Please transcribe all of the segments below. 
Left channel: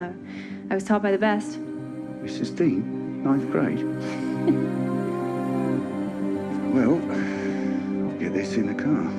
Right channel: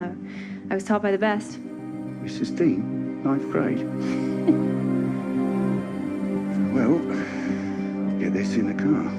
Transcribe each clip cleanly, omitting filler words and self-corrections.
I was taught by the best. Mrs. Dean, ninth grade. Well, I'll get this in the car.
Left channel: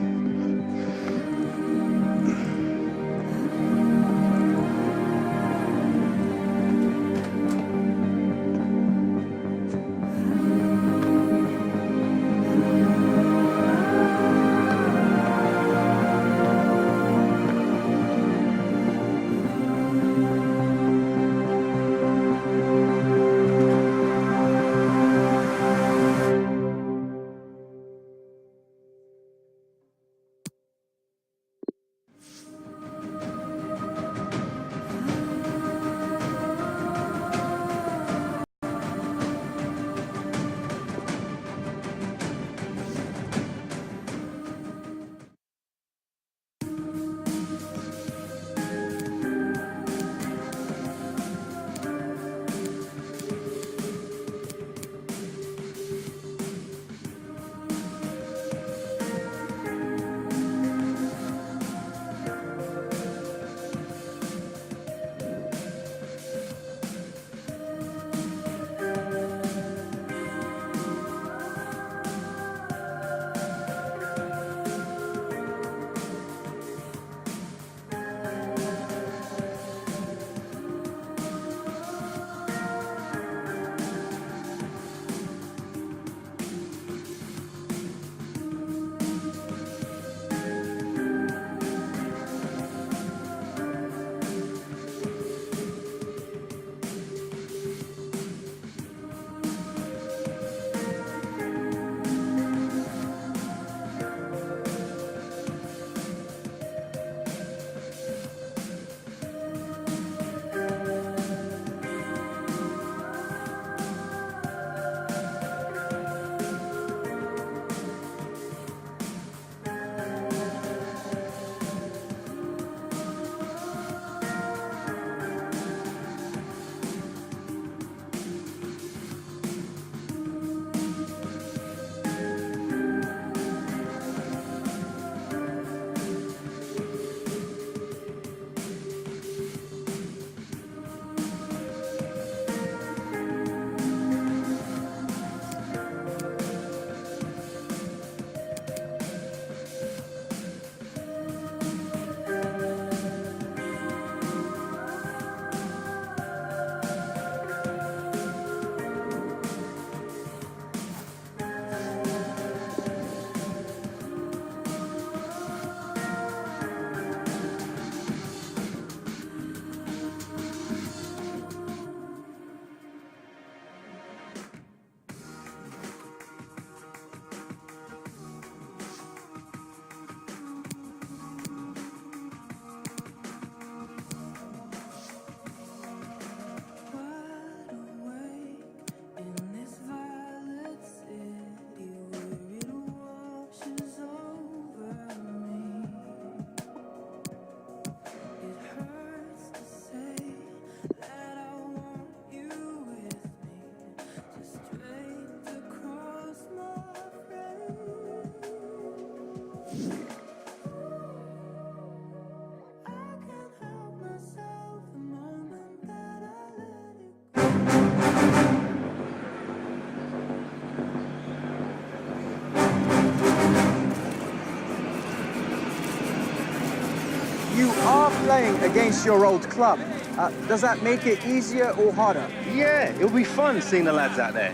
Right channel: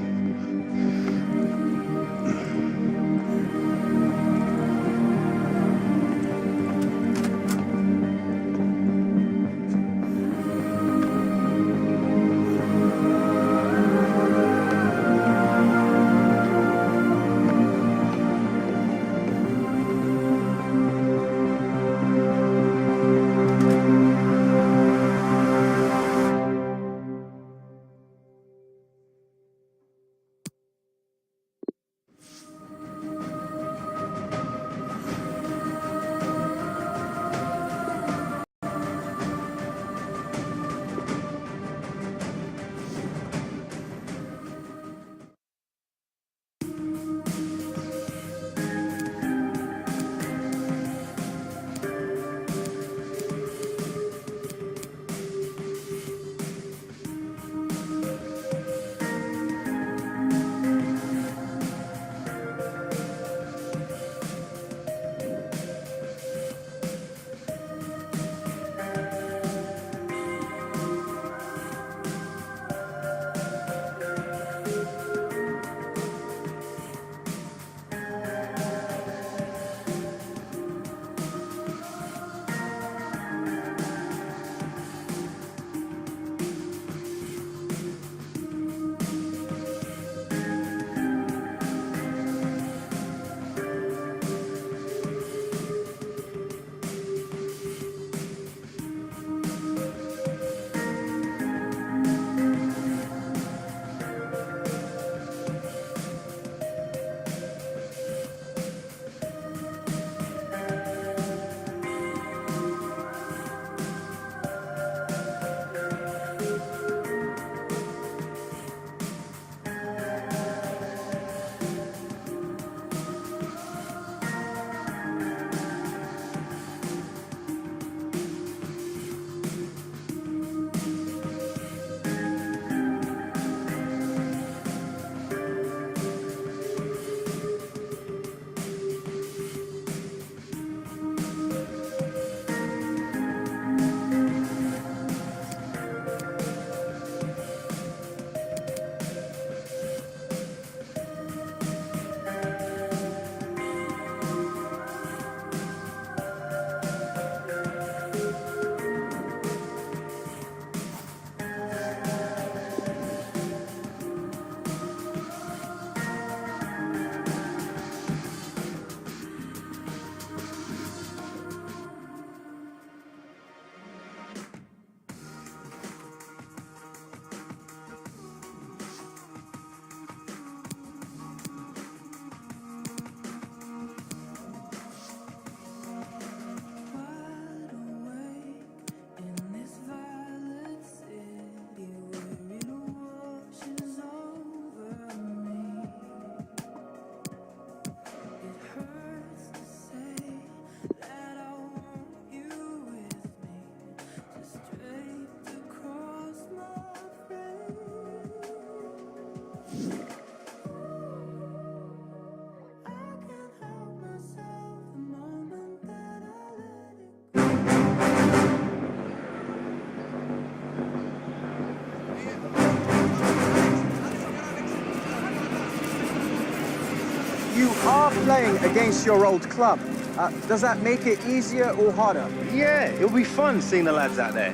You are playing against your old club. Does that make it easier or harder? Yeah, it'll be fun seeing the lads out there.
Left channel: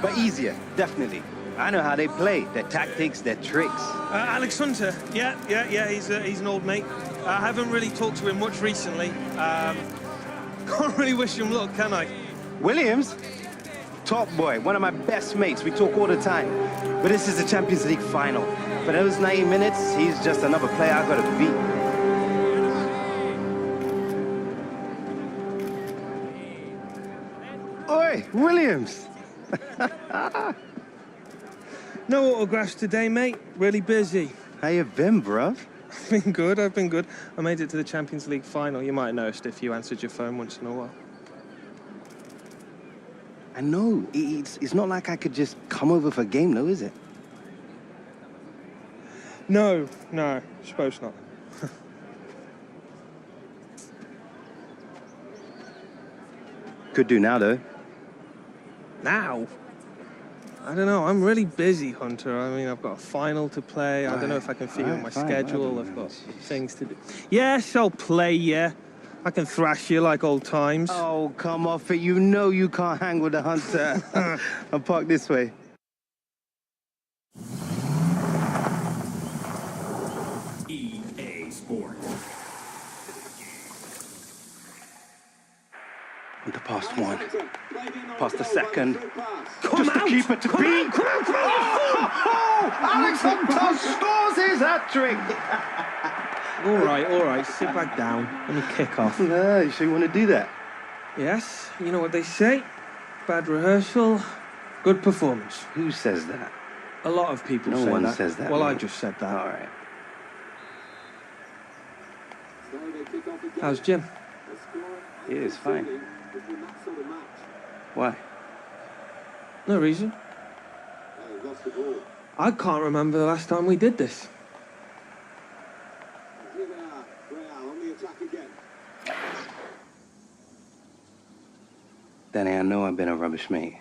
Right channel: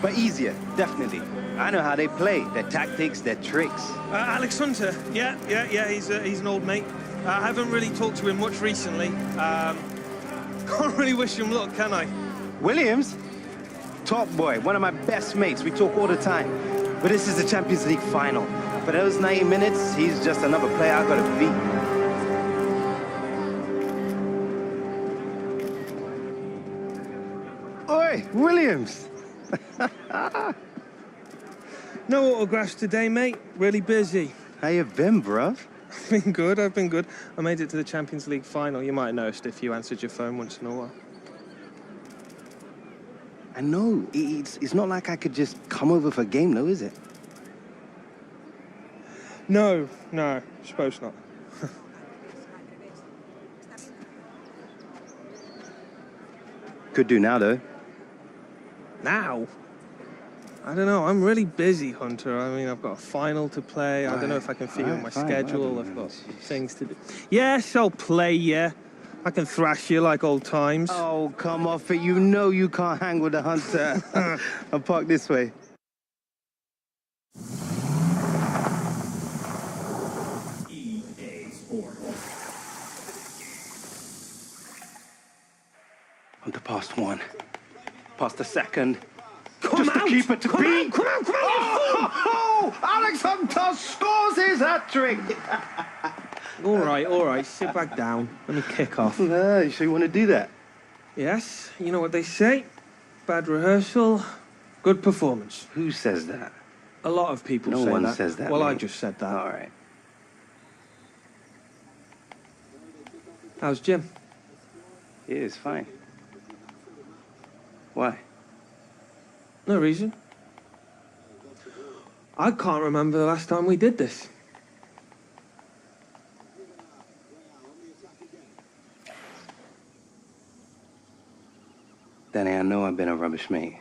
But easier, definitely. I know how they play, their tactics, their tricks. Alex Hunter, yeah, he's an old mate. I haven't really talked to him much recently. Can't really wish him luck, can I? Williams? Top boy, one of my best mates. We talk all the time. But this is the Champions League final. For those 90 minutes, he's just another player I gotta beat. Oi, Williams! No autographs today, mate. Really busy. How you been, bruv? I've been good. I made it to the Champions League final. You might have noticed if you answered your phone once in a while. I know. It's not like I could just come over for a game, though, is it? No, suppose not. Could do now, though. Now? I don't know. I'm really busy, Hunter. I mean, I've got a final to play. I don't know if I can fit in my schedule. I've got things to do. Yes, I'll play, yeah. I can thrash you like old times. Oh, come off it. You know you can't hang with the Hunter. I'll park this way. Hunter past one. Past the second. Just to keep it to beat. Come on! Oh, Alex Hunter scores his hat-trick. All right. Sit back down. Let me kick off. No, you sure you want to do that? Yes, you know what they say. Bad rehearsal, good performance. Who says that? A lot of people say that. No one says that. Well, mate. I just said that. All right. How's Jim? Yeah, it's fine. Why? No reason. I can't remember the last time we did this. Danny, I know I've been a rubbish mate.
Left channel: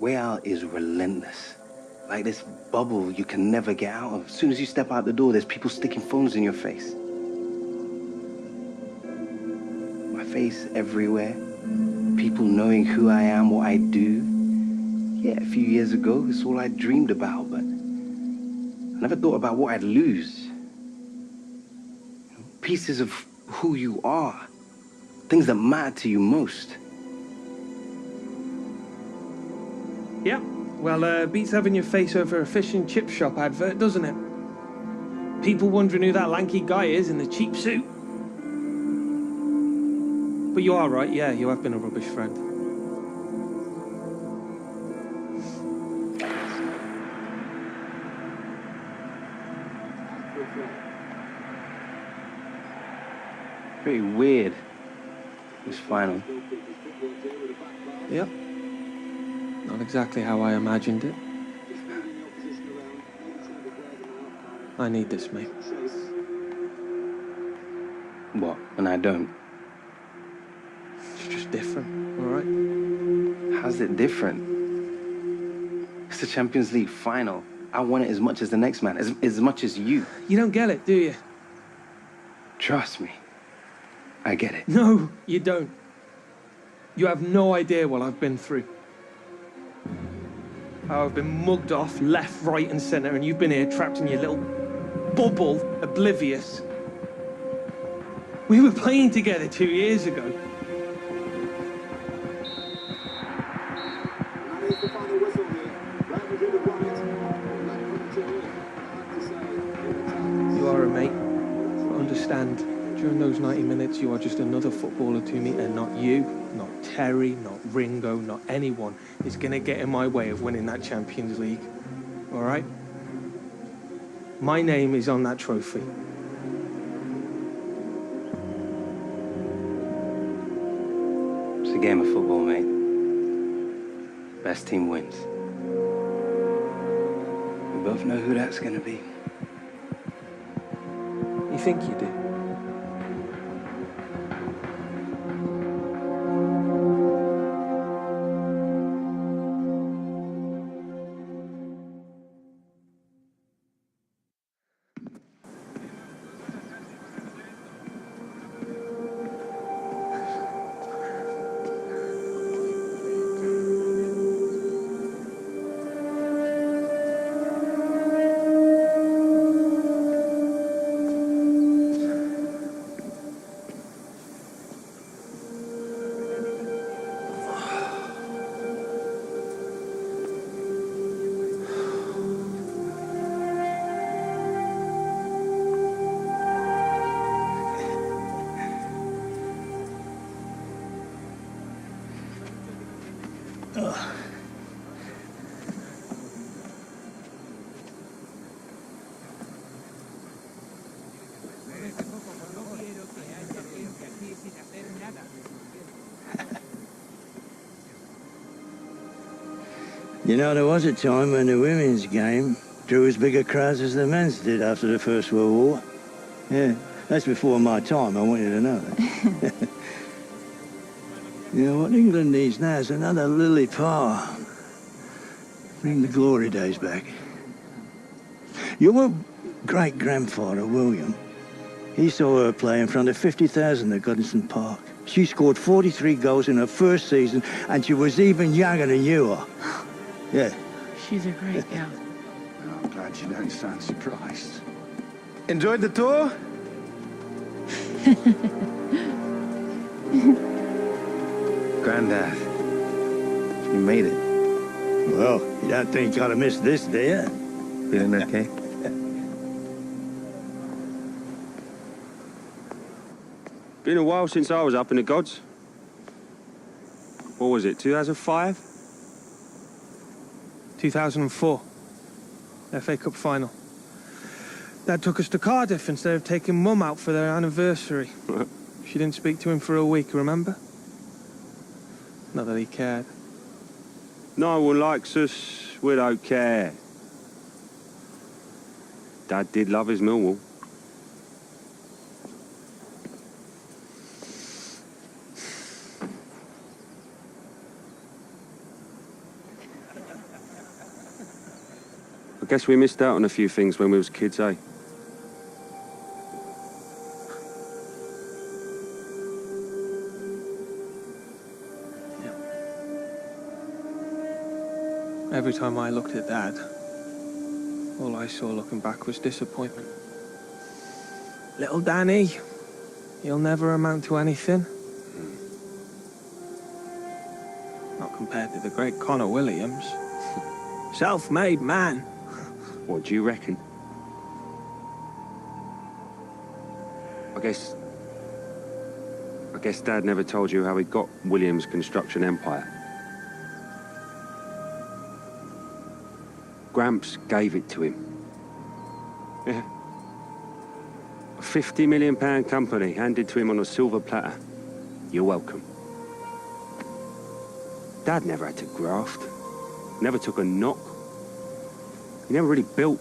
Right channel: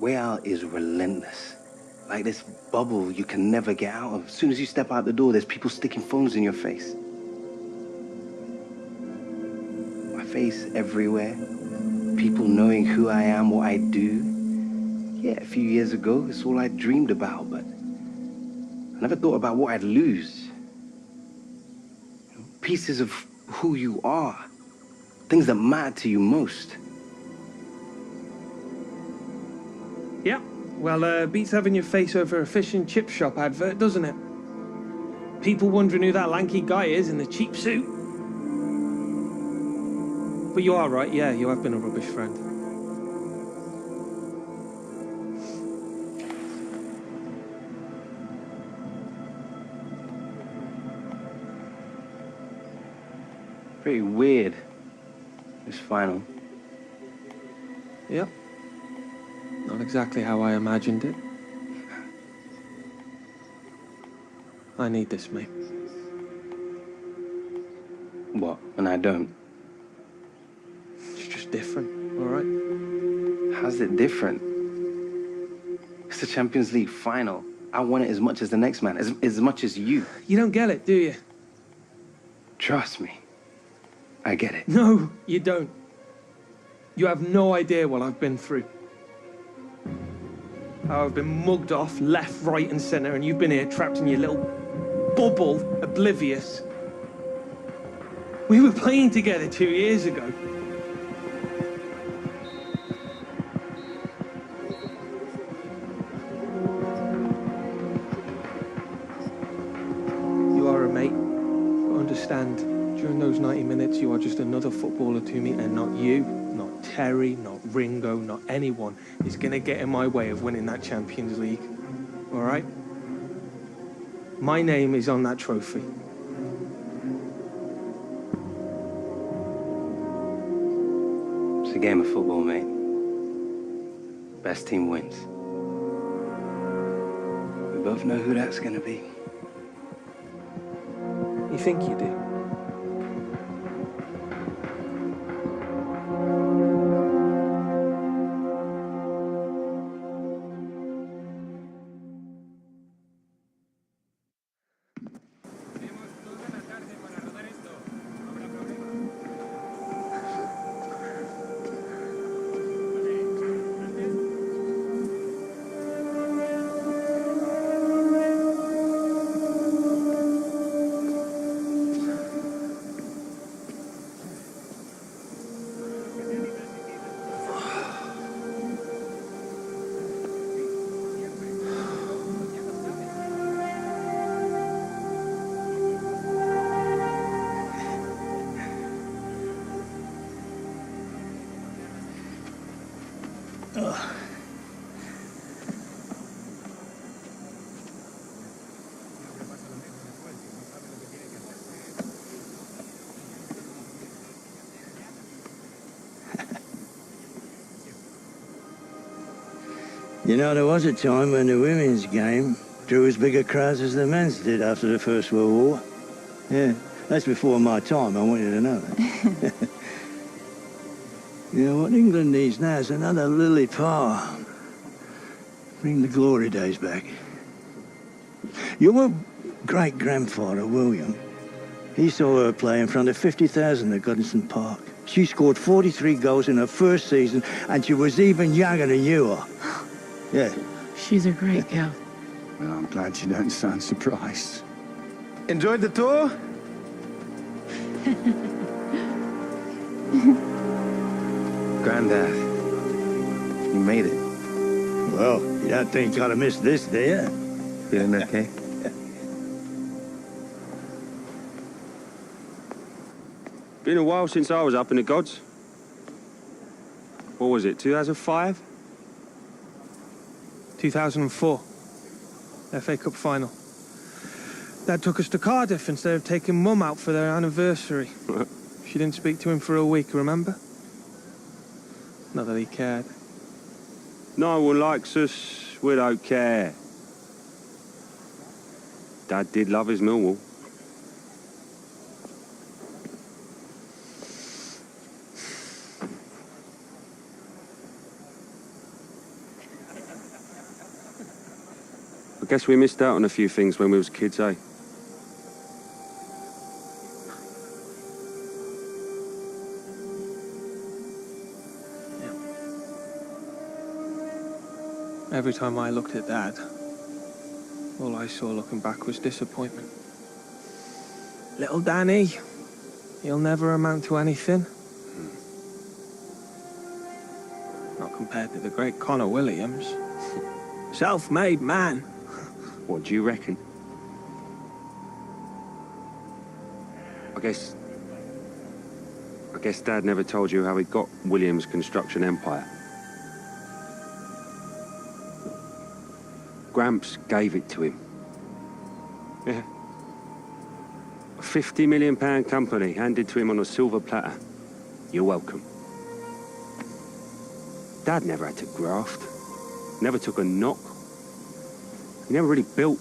Way out is relentless. Like this bubble you can never get out of. As soon as you step out the door, there's people sticking phones in your face. My face everywhere. People knowing who I am, what I do. Yeah, a few years ago, it's all I dreamed about, but I never thought about what I'd lose. Pieces of who you are. Things that matter to you most. Yeah, well, beats having your face over a fish and chip shop advert, doesn't it? People wondering who that lanky guy is in the cheap suit. But you are right, yeah, you have been a rubbish friend. Pretty weird, this final. Yep. Not exactly how I imagined it. I need this, mate. What? And I don't? It's just different, all right? How's it different? It's the Champions League final. I want it as much as the next man, as much as you. You don't get it, do you? Trust me. I get it. No, you don't. You have no idea what I've been through. How I've been mugged off left, right, and centre, and you've been here trapped in your little bubble, oblivious. We were playing together 2 years ago. You are a mate, but understand, during those 90 minutes, you are just another footballer to me, and not you, not Terry, not Ringo, not anyone is going to get in my way of winning that Champions League. All right? My name is on that trophy. It's a game of football, mate. Best team wins. We both know who that's gonna be. You think you do? You know, there was a time when the women's game drew as big a crowds as the men's did after the First World War. Yeah, that's before my time, I want you to know that. You know, what England needs now is another Lily Parr. Bring the glory days back. Your great-grandfather, William, he saw her play in front of 50,000 at Goodison Park. She scored 43 goals in her first season, and she was even younger than you are. Yeah. She's a great girl. Well, I'm glad you don't sound surprised. Enjoyed the tour? Granddad, you made it. Well, you don't think I'd have missed this, do you? Feeling okay? Been a while since I was up in the gods. What was it, 2005? 2004. FA Cup final. Dad took us to Cardiff instead of taking Mum out for their anniversary. She didn't speak to him for a week, remember? Not that he cared. No one likes us, we don't care. Dad did love his Millwall. I guess we missed out on a few things when we was kids, eh? Every time I looked at Dad, all I saw looking back was disappointment. Little Danny, he'll never amount to anything. Not compared to the great Connor Williams. Self-made man. What do you reckon? I guess Dad never told you how he got Williams' construction empire. Gramps gave it to him. Yeah. A £50 million company handed to him on a silver platter. You're welcome. Dad never had to graft. Never took a knock. He never really built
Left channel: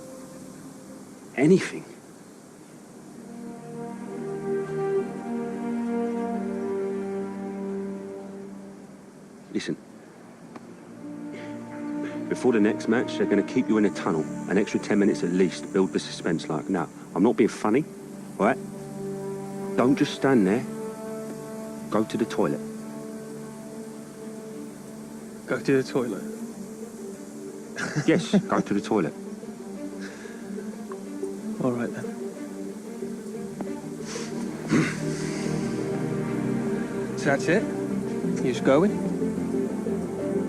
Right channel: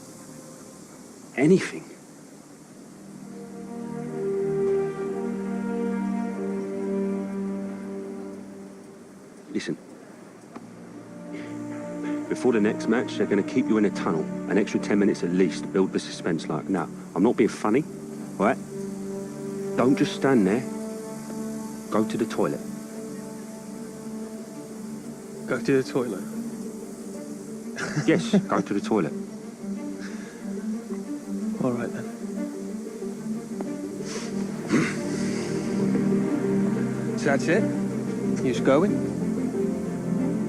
anything. Listen. Before the next match, they're going to keep you in a tunnel. An extra 10 minutes at least to build the suspense like. Now, I'm not being funny, all right? Don't just stand there. Go to the toilet. Go to the toilet. Yes, go to the toilet. All right, then. So that's it? You just going?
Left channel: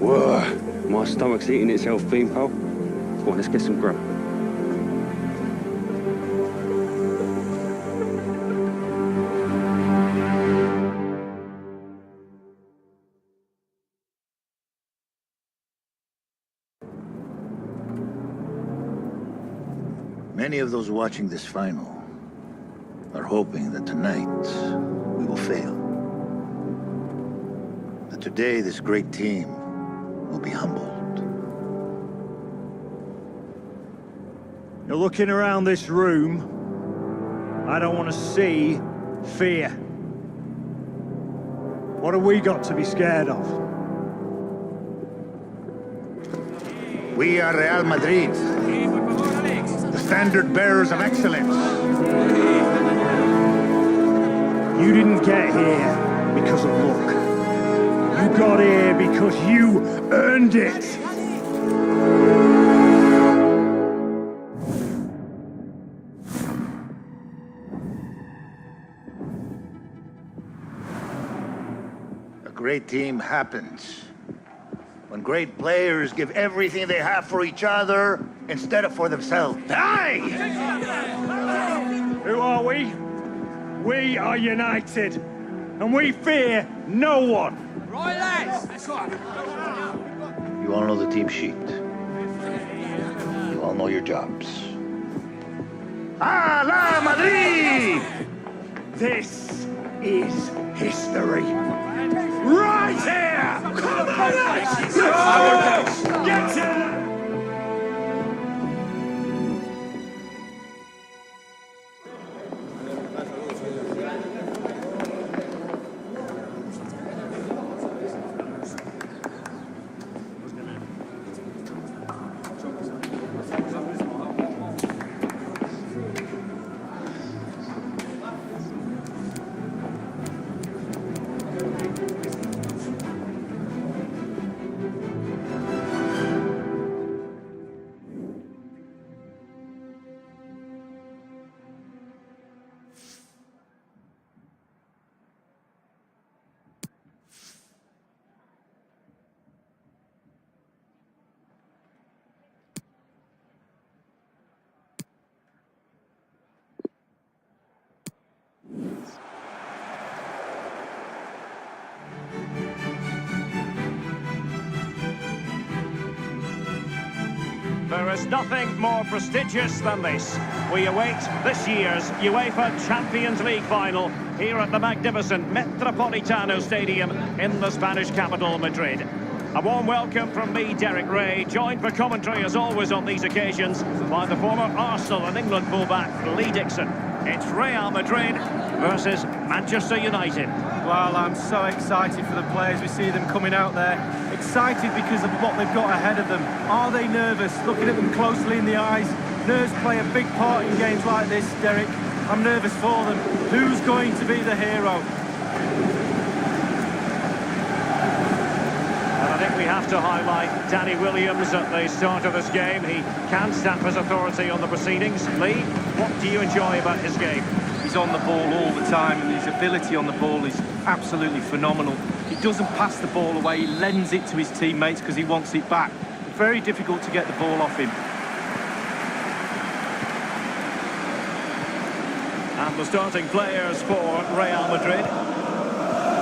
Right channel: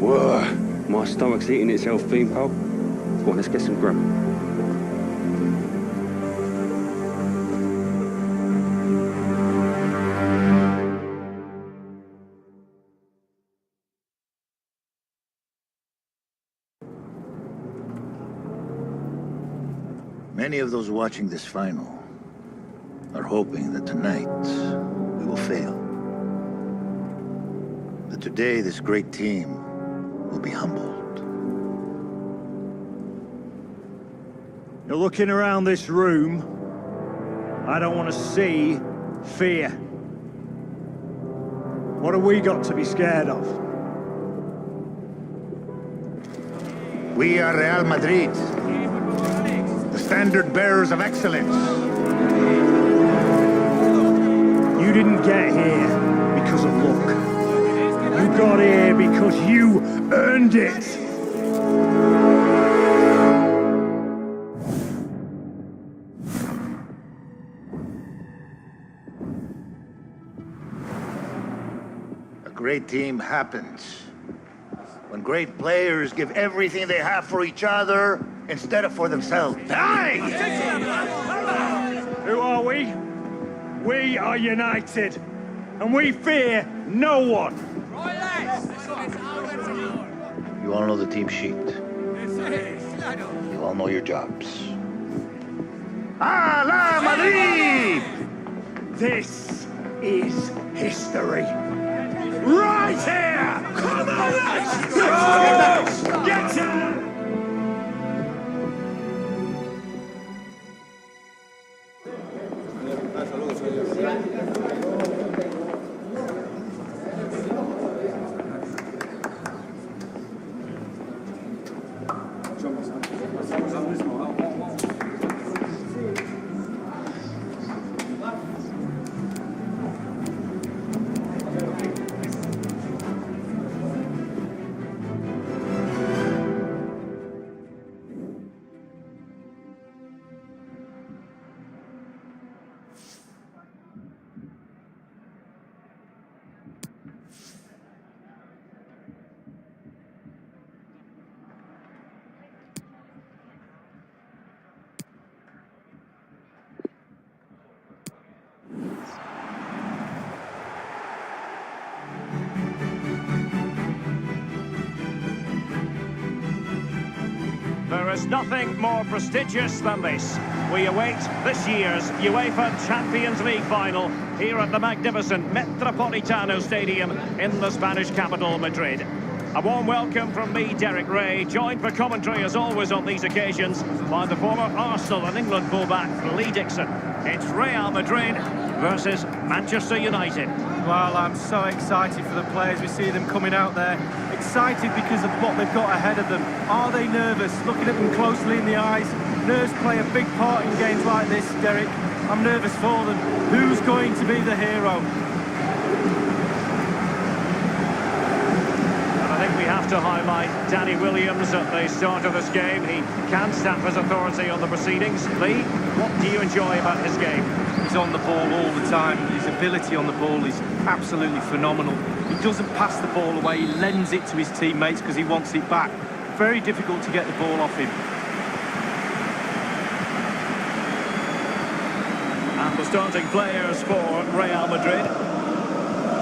Whoa. My stomach's eating itself, Beanpole. Go on, let's get some grub. Many of those watching this final are hoping that tonight we will fail. That today this great team will be humbled. You're looking around this room. I don't want to see fear. What have we got to be scared of? We are Real Madrid, the standard bearers of excellence. You didn't get here because of luck. You got here because you earned it. A great team happens when great players give everything they have for each other instead of for themselves. Hey! Who are we? We are united, and we fear no one. You all know the team sheet. You all know your jobs. ¡A la Madrid! This is history. Right here! Come on, let's go! Get to... There is nothing more prestigious than this. We await this year's UEFA Champions League final here at the magnificent Metropolitano Stadium in the Spanish capital, Madrid. A warm welcome from me, Derek Ray, joined for commentary as always on these occasions by the former Arsenal and England fullback Lee Dixon. It's Real Madrid versus Manchester United. Well, I'm so excited for the players. We see them coming out there. Excited because of what they've got ahead of them. Are they nervous? Looking at them closely in the eyes. Nerves play a big part in games like this, Derek. I'm nervous for them. Who's going to be the hero? I think we have to highlight Danny Williams at the start of this game. He can stamp his authority on the proceedings. Lee, what do you enjoy about his game? He's on the ball all the time. His ability on the ball is absolutely phenomenal. He doesn't pass the ball away. He lends it to his teammates because he wants it back. Very difficult to get the ball off him. And the starting players for Real Madrid.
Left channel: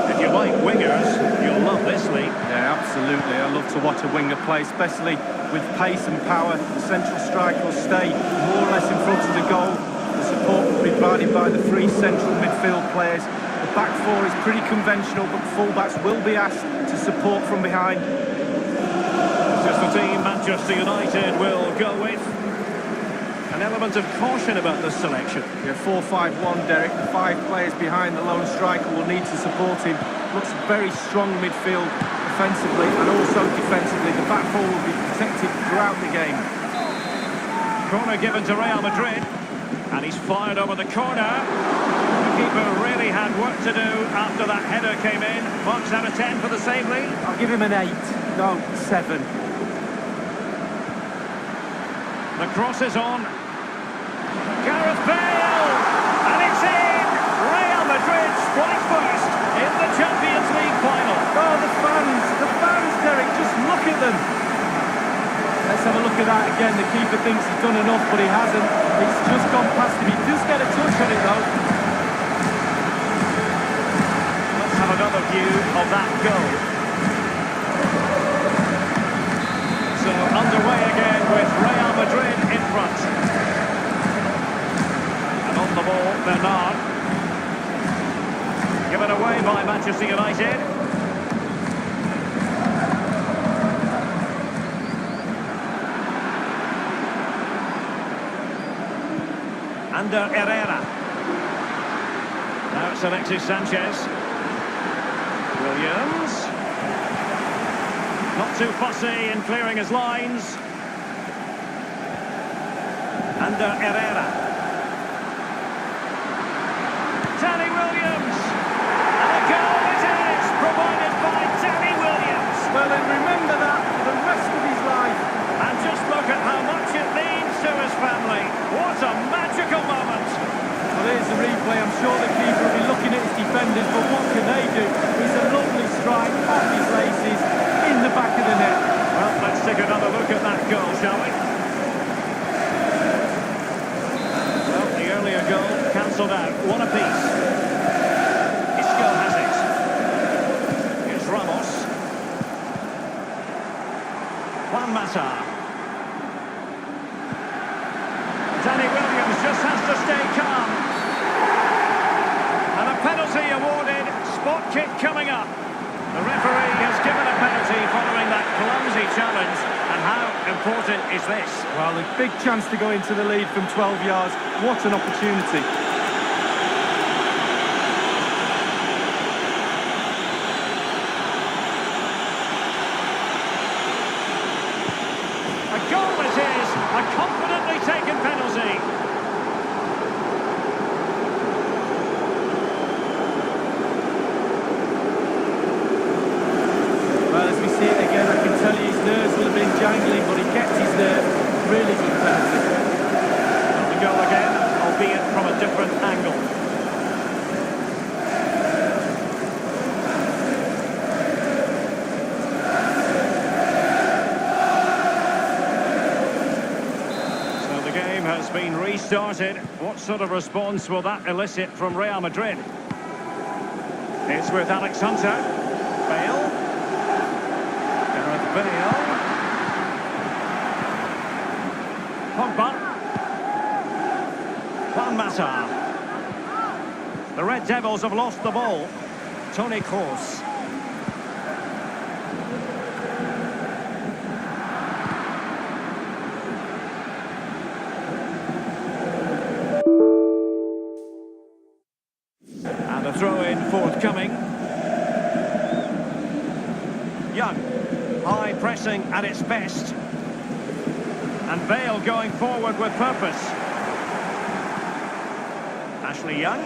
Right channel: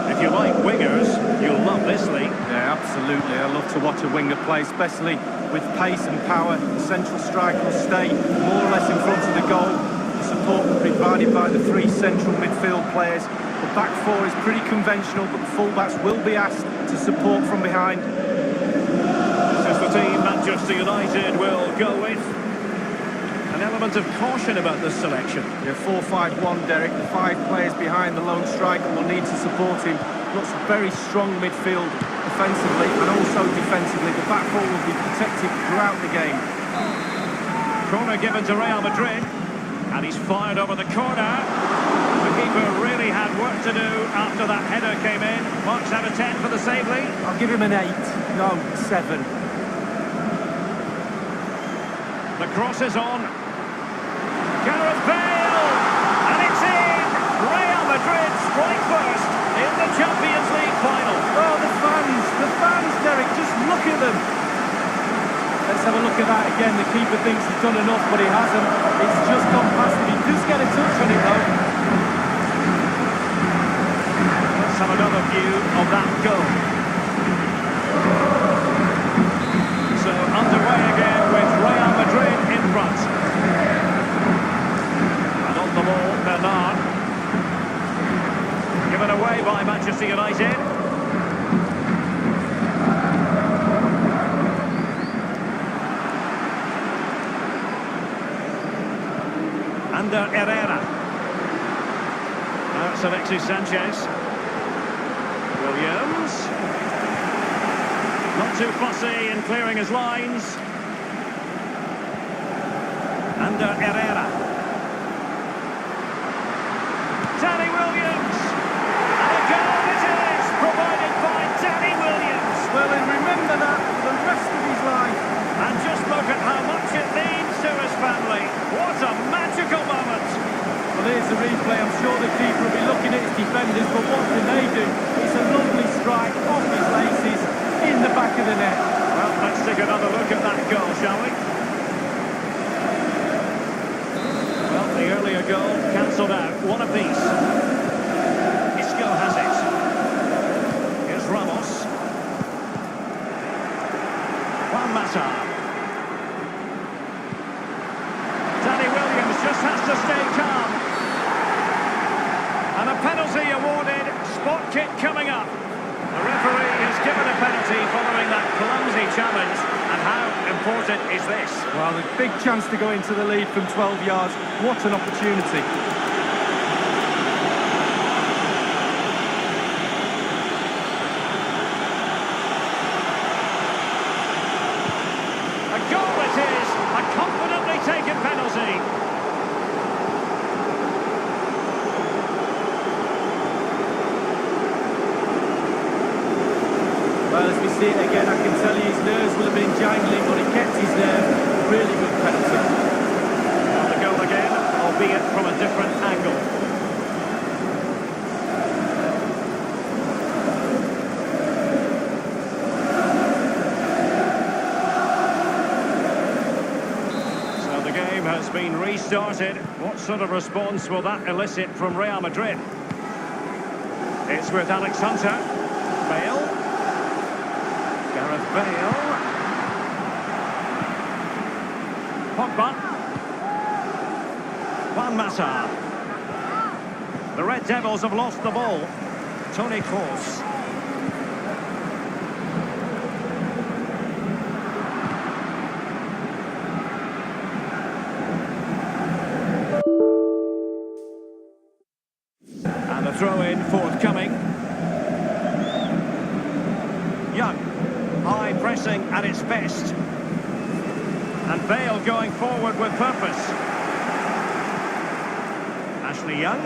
If you like wingers, you'll love this, Lee. Yeah, absolutely. I love to watch a winger play, especially with pace and power. The central striker will stay more or less in front of the goal. The support will be provided by the three central midfield players. The back four is pretty conventional, but the fullbacks will be asked to support from behind. This is the team Manchester United will go with. An element of caution about this selection. Yeah, 4-5-1, Derek. The five players behind the lone striker will need to support him. Lots of very strong midfield offensively and also defensively. The back four will be protected throughout the game. Corner given to Real Madrid. And he's fired over the corner. The keeper really had work to do after that header came in. Marks out of 10 for the save, Lee. I'll give him an 8. No, 7. The cross is on. Gareth Bale! And it's in! Real Madrid strike first in the Champions League final. Oh, the fans, Derek, just look at them. Let's have a look at that again. The keeper thinks he's done enough, but he hasn't. It's just gone past him. He does get a touch on it, though. Let's have another view of that goal. So underway again with Real Madrid in front. And on the ball, Bernard. Given away by Manchester United. Under Herrera. Now it's Alexis Sanchez. Williams. Not too fussy in clearing his lines. Under Herrera. Danny Williams. And a goal it is, provided by Danny Williams. Well, he'll remember that for the rest of his life. And just look at how much it means to his family. What a magical moment. Well, here's the replay. I'm sure the keeper will be looking at his defenders, but what can they do? It's a lovely strike off his laces in the back of the net. Well, let's take another look at that goal, shall we? Well, the earlier goal cancelled out. One apiece. Isco has it. Here's Ramos. Juan Mata. Danny Williams just has to stay calm. And a penalty awarded. Spot kick coming up. The referee has given a penalty following that clumsy challenge. And how important is this? Well, a big chance to go into the lead from 12 yards. What an opportunity. A goal it is, a confidently taken penalty. Well, as we see it again, I can tell you his nerves will have been jangling, but he kept his nerve. Really good penalty. Well, the goal again, albeit from a different angle. So the game has been restarted. What sort of response will that elicit from Real Madrid? It's with Alex Hunter. Bale. Gareth Bale. Pogba. Juan Mata. The Red Devils have lost the ball. Toni Kroos. And a throw-in forthcoming. Young. High pressing at its best. And Bale going forward with purpose. Ashley Young.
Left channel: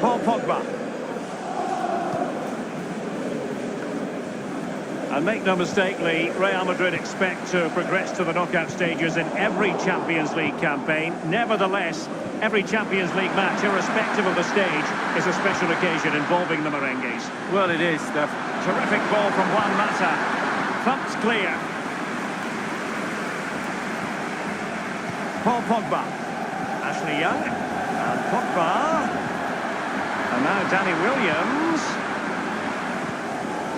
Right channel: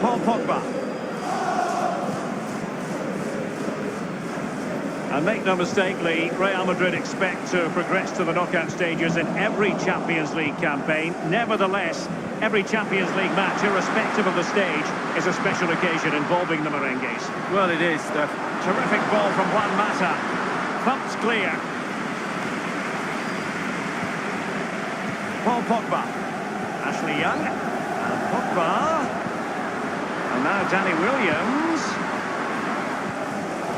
Paul Pogba. And make no mistake, Lee, Real Madrid expect to progress to the knockout stages in every Champions League campaign. Nevertheless, every Champions League match, irrespective of the stage, is a special occasion involving the merengues. Well, it is, Steph. Terrific ball from Juan Mata. Thumped clear. Paul Pogba. Ashley Young. And Pogba. And now Danny Williams.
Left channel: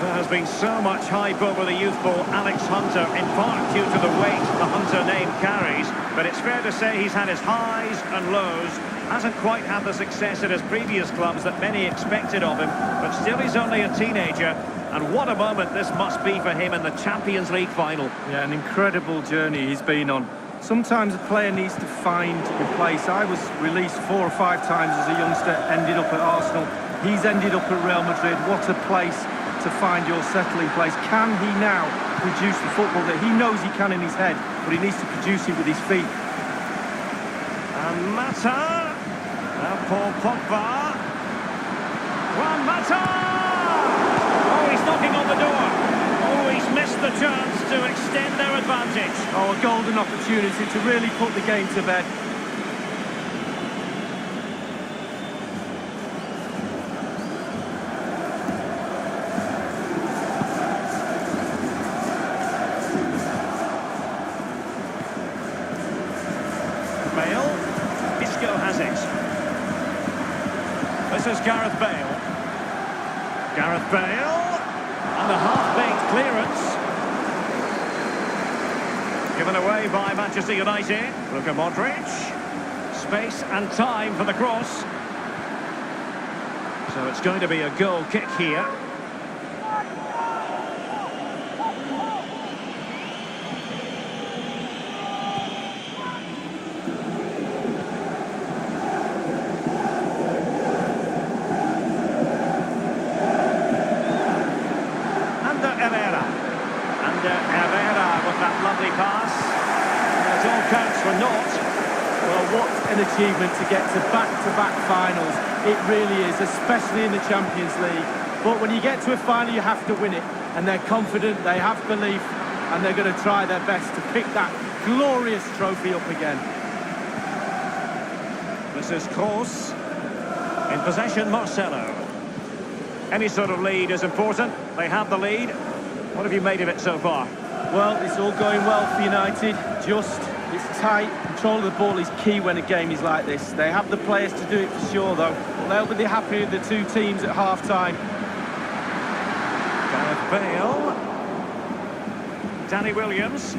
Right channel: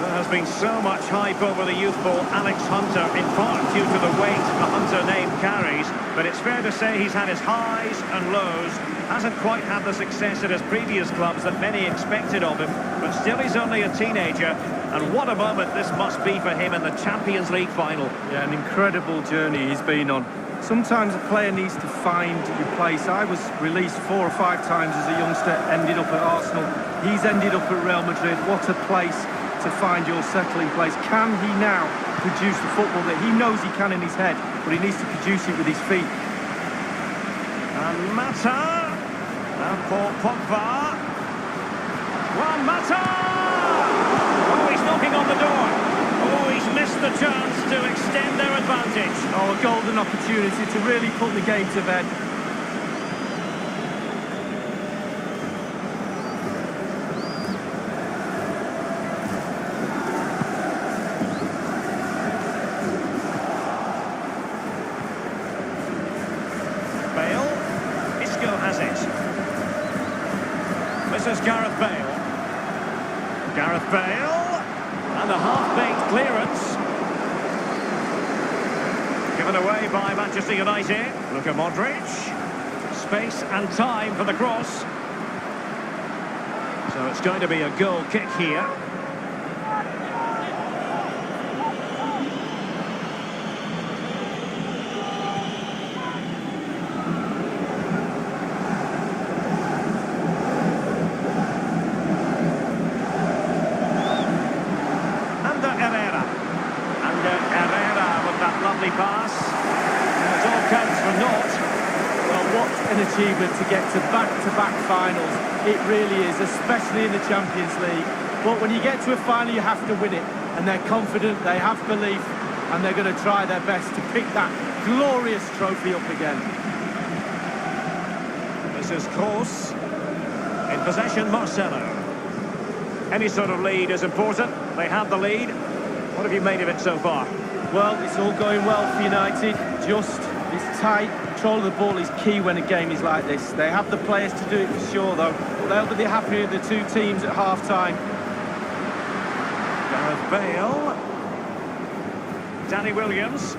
There has been so much hype over the youthful Alex Hunter, in part due to the weight the Hunter name carries. But it's fair to say he's had his highs and lows. Hasn't quite had the success at his previous clubs that many expected of him. But still, he's only a teenager. And what a moment this must be for him in the Champions League final. Yeah, an incredible journey he's been on. Sometimes a player needs to find your place. I was released 4 or 5 times as a youngster, ended up at Arsenal. He's ended up at Real Madrid. What a place to find your settling place. Can he now produce the football that he knows he can in his head, but he needs to produce it with his feet? And Mata. Now Paul Pogba. Juan Mata! Oh, he's knocking on the door. Oh, he's missed the chance to extend their advantage. Oh, a golden opportunity to really put the game to bed. Bale. Isco has it. This is Gareth Bale. Gareth Bale. And a half-baked clearance. Given away by Manchester United. Luka Modric. Space and time for the cross. So it's going to be a goal kick here. Herrera with that lovely pass. And it all counts for naught. Well, what an achievement to get to back-to-back finals. It really is, especially in the Champions League. But when you get to a final, you have to win it. And they're confident, they have belief, and they're going to try their best to pick that glorious trophy up again. This is Kroos. In possession, Marcelo. Any sort of lead is important. They have the lead. What have you made of it so far? Well, it's all going well for United. It's tight. Control of the ball is key when a game is like this. They have the players to do it for sure, though. But they'll be happy with the two teams at half-time. Gareth Bale. Danny Williams.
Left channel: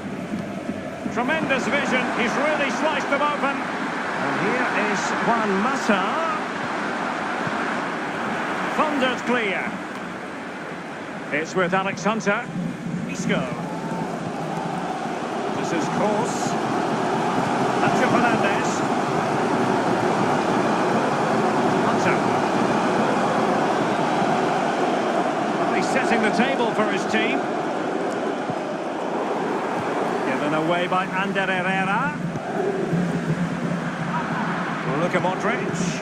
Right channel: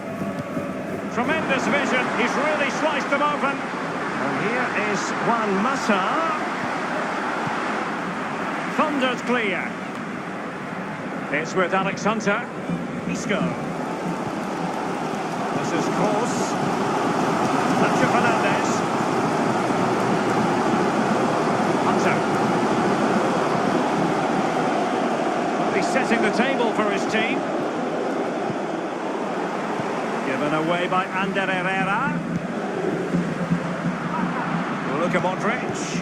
Tremendous vision. He's really sliced them open. And here is Juan Mata. Thundered clear. It's with Alex Hunter. Isco. This is Kroos. Nacho Fernandez. Hunter. Well, he's setting the table for his team. Given away by Ander Herrera. Luka Modric.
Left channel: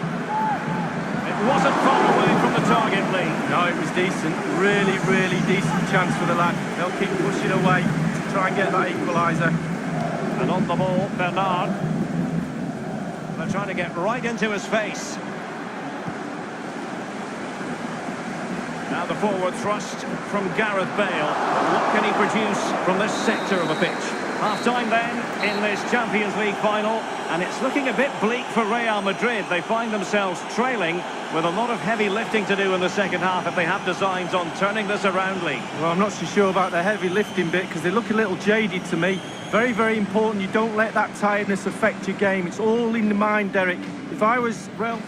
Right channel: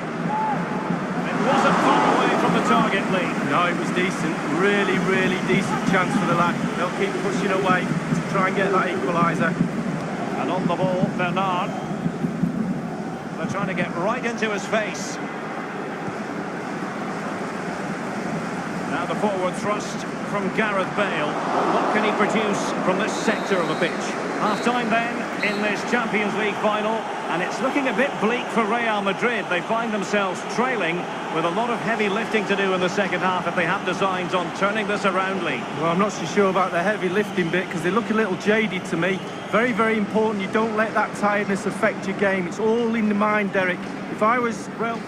It wasn't far away from the target, Lee. No, it was decent. Really, really decent chance for the lad. They'll keep pushing away to try and get that equaliser. And on the ball, Bernard. They're trying to get right into his face. Now the forward thrust from Gareth Bale. But what can he produce from this sector of the pitch? Half-time then in this Champions League final. And it's looking a bit bleak for Real Madrid. They find themselves trailing with a lot of heavy lifting to do in the second half if they have designs on turning this around, Lee. Well, I'm not so sure about the heavy lifting bit because they look a little jaded to me. Very, very important. You don't let that tiredness affect your game. It's all in the mind, Derek. If I was, well...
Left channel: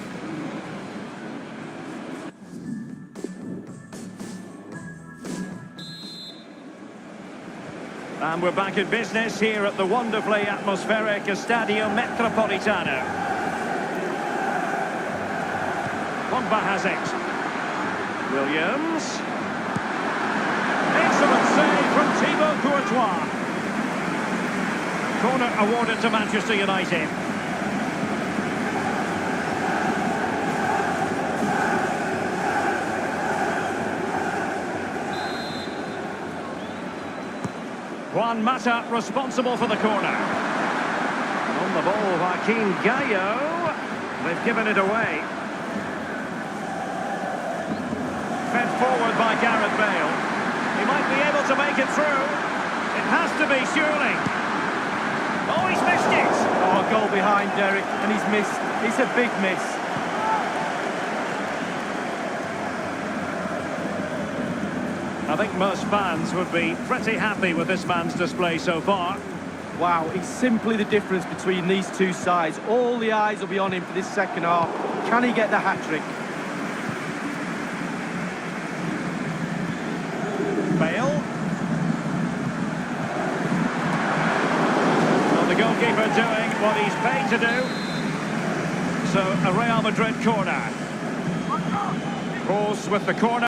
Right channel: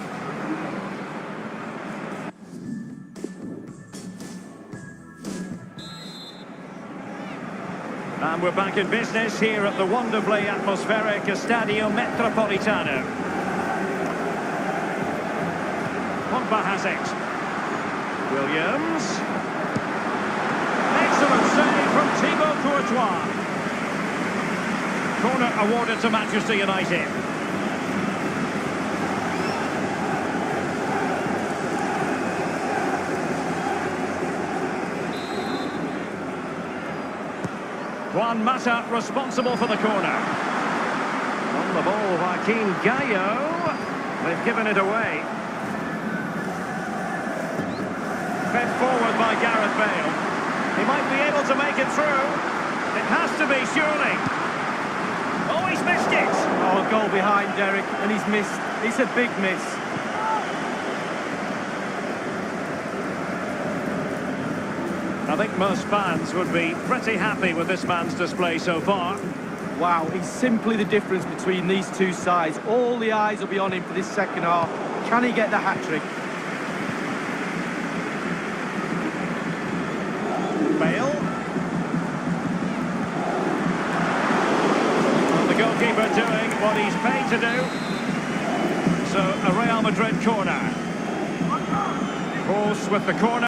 And we're back in business here at the wonderfully atmospheric Estadio Metropolitano. Pogba has it. Williams. Excellent save from Thibaut Courtois. Corner awarded to Manchester United. Juan Mata responsible for the corner. And on the ball, Joaquin Gallo. They've given it away. Fed forward by Gareth Bale. He might be able to make it through. It has to be, surely. Oh, he's missed it. Oh, goal behind Derek, and he's missed. It's a big miss. I think most fans would be pretty happy with this man's display so far. Wow, he's simply the difference between these two sides. All the eyes will be on him for this second half. Can he get the hat-trick? Bale. Well, the goalkeeper doing what he's paid to do. So, a Real Madrid corner. Kroos with the corner.